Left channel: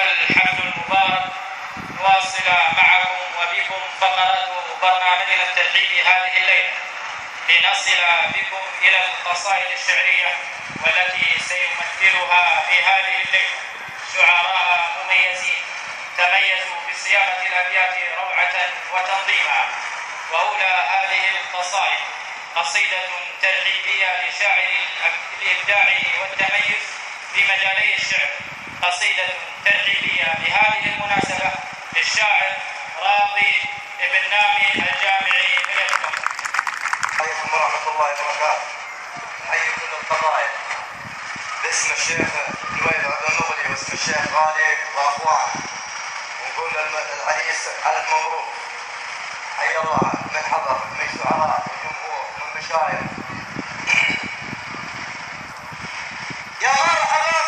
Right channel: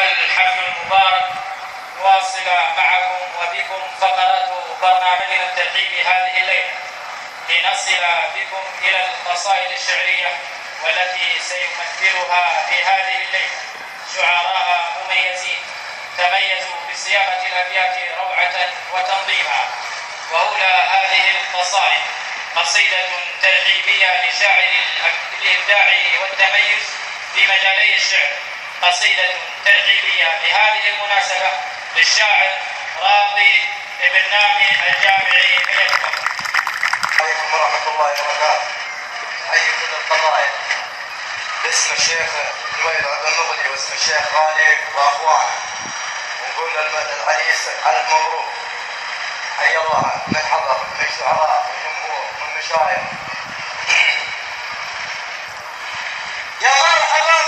الحفل المبارك نواصل معكم وبكم فقرة برنامجنا الترحيبي هذه الليلة لنصل بكم إلى القصائد الشعرية والتي سيمثلها في هذه الليلة شعراء مميزين تميزوا بصياغة الأبيات روعة وتنظيما. وأولى هذه القصائد قصيدة ترحيبية لشاعر الإبداع والتميز في مجالي الشعر، قصيدة ترحيبية بهذه المناسبة للشاعر راضي بن نامي الجامعي من الكويت. عليكم ورحمة الله وبركاته. أحيي كل القضايا باسم الشيخ نويل المغلي واسم الشيخ غالي وأخوانه، ونقول للعريس ألف مبروك. حي الله من حضر من شعراء وجمهور ومن مشايخ. يا مرحبا